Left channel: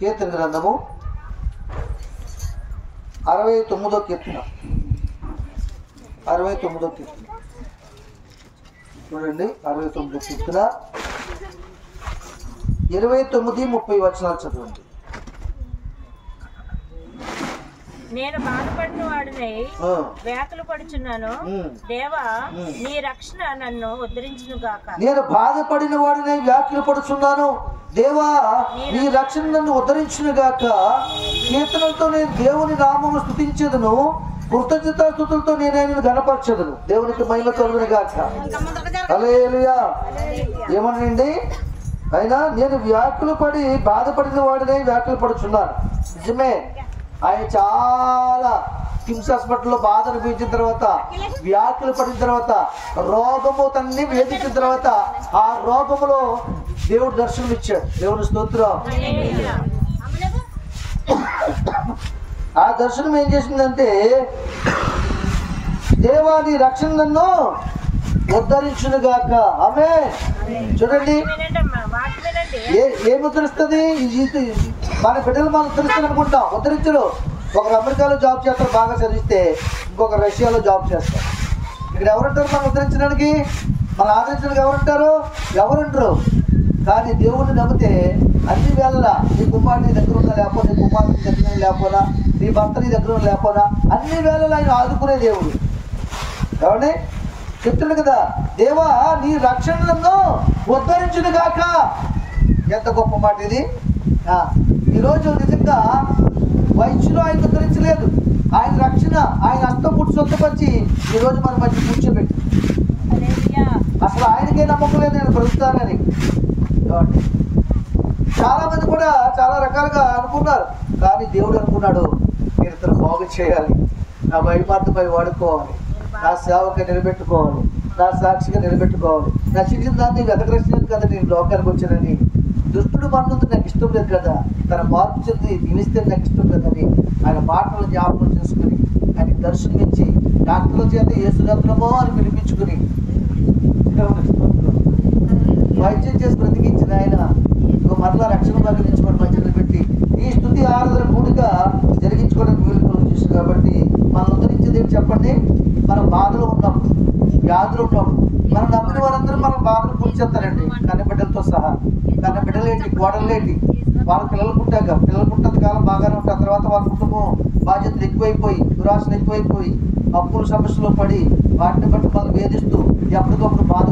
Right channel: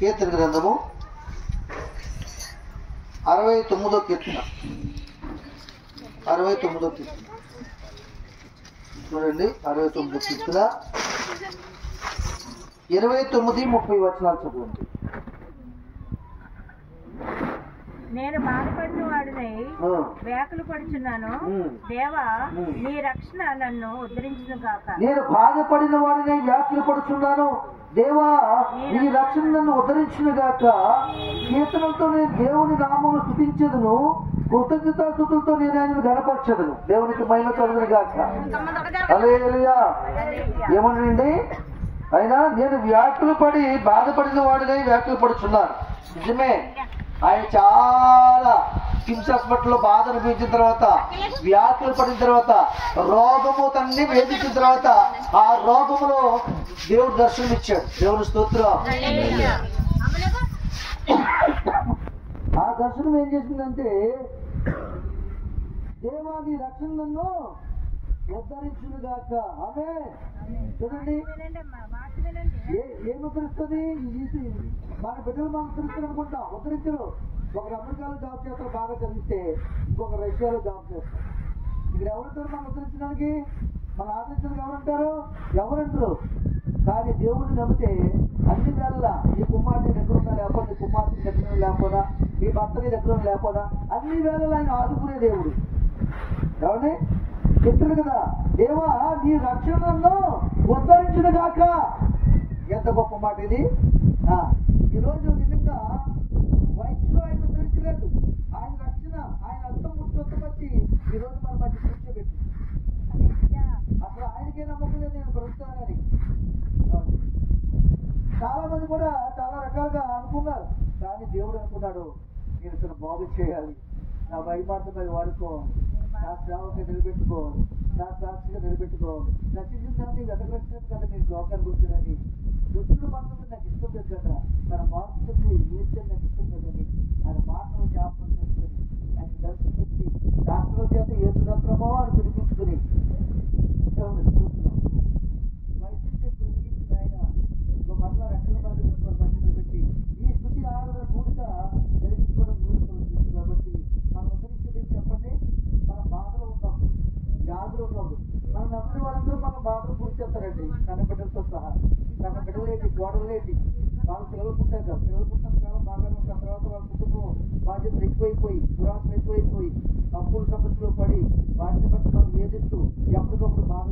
కీర్తన గ్రంథము 69వ కీర్తన. 69వ కీర్తన చూడండి. 69వ కీర్తన 29-30 వచనాలు చదవండి. నేను బాధపడిన వాడినై వ్యాకులు పడుచున్నాను. దేవా, నీ రక్షణ నన్ను ఉద్ధరించును గాక. నేను బాధపడిన వాడినై వ్యాకులు పడుచున్నాను. దేవా, నీ రక్షణ నన్ను ఉద్ధరించును గాక. కీర్తనలతో నేను దేవుని నామము స్తుతించెదను. కృతజ్ఞతాస్తుతులతో నేను ఆయనను ఘనపరచెదను. దేవునికి మహిమ కలుగును గాక. హల్లెలూయా. ఏమనండి? అయినా నేను వ్యాకులు పడి బాధపడిన వాడినై వ్యాకులు పడుచున్నాను. నిజమే, ఆయన చాలా కిమ్స్ హాస్పిటల్లో బాధ అనిపించిన తర్వాత, వ్యాకులు పడిన తర్వాత, రోగము తన్ని వేధించిన తర్వాత ఆ రోగములో దేవుడు దర్శనం ఇచ్చాడు. దేవుని స్తోత్రం. ఆ దర్శనం ఏం చేసిందంటే, దేవాని రక్షణ నన్ను ఉద్ధరించును గాక. ఆమె చూడండి, ఏం ఉద్ధరిస్తుంది? మన బిడ్డలు మనం ఉద్ధరిస్తాను అనుకుంటాం, ఉద్ధరించరు. ఒకరు అమెరికాలో జాబ్ చేస్తారు, బాగా చదివిస్తే, ఇంకొకరు రష్యాలో జాబ్ చేస్తారు. ఇక్కడ ఎవరుంటారు మనం ఉద్ధరించడానికి? మనం ఆదరించడానికి ఎవరుంటారు? ఎవరుంటారు? కానీ దేవుడిని నమ్మితే అన్ని వేళలా నీ కుమారుడు నీ దగ్గర ఉన్నా లేకపోతే, నీ కుమారుడు నీ దగ్గర లేకపోయినా, నీ భర్త నీ దగ్గర లేకపోయినా, అన్ని వేళలా ఆయన ఆదుకునే దేవుడు. ఏమండి చెప్తుంది కదా, దేవా నీ రక్షణను ఉద్ధరించును గాక. ఎంత గొప్ప మాట ఇది. ఈరోజు నిజంగా వైద్యులు ఆయన ఉద్ధరించలేదు, ఆయన రక్షణ ఆయన హస్తం పుట్టి సొంతపరిచి ఈరోజు మన మధ్య కూర్చోబెట్టి, అసలు ఆయనకే నమ్మకం లేదు నేను బ్రతుకుతానని. చాలా మంది కూడా చాలా రకాలుగా అనుకున్నారు, కానీ దేవుడు అనుకున్నాడు, నేను ఇతను బాగు చేయాలి, నా మహిమార్థమై వాడుకోవాలి, నా సేవగా నిలబెట్టుకోవాలి, నా సాక్షిగా నిలబెట్టుకోవాలి, నశించిన దాన్ని వెతకరక్షణ కదా నేను లోకానికి వచ్చానని. దుష్టుడు మన్నంత నాకు ఇష్టం లేదు కదా, తన మార్పు చెంది నిలిస్తే నాకు ఇష్టం కదని ఆయన మాటలు జ్ఞాపకం చేసుకుని ఆయన దర్శనమిచ్చి డాక్టర్ల చేత యేసురత్నమో అని పిలిపించుకుని వైద్యం చేసి బ్రతికించిన ఆయన మరలా రక్షణ కలిగించుకోవడం మధ్యలో పెట్టి ఈ స్తుతి ఆరాధన పూడిగా జరిగించుకోవడానికి వీలు చేసి. కాబట్టి మనం ఉద్ధరించేది ఏంటి చెప్పండి? మనం బాధలో ఉన్నప్పుడు, వ్యాధులు ఉన్నప్పుడు, మనం నమ్మిన వారందరూ మనం బాధలు కూర్చేస్తారండి. కన్నబిడ్డలతో సహా. కన్నబిడ్డలేంటి, గోడలేంటి, వాళ్ళ పిల్లలు పుట్టాక కాలం బాగానే ఉంటారు. తర్వాత వాళ్ళ కుటుంబం బాధ్యతలు ఎక్కువైపోయి, దురాశలు ఎక్కువైపోయి, అప్పుల సమస్యలో పడి వాటిని బట్టి వాళ్ళు వేధిస్తూ ఎప్పటికప్పుడు బాధ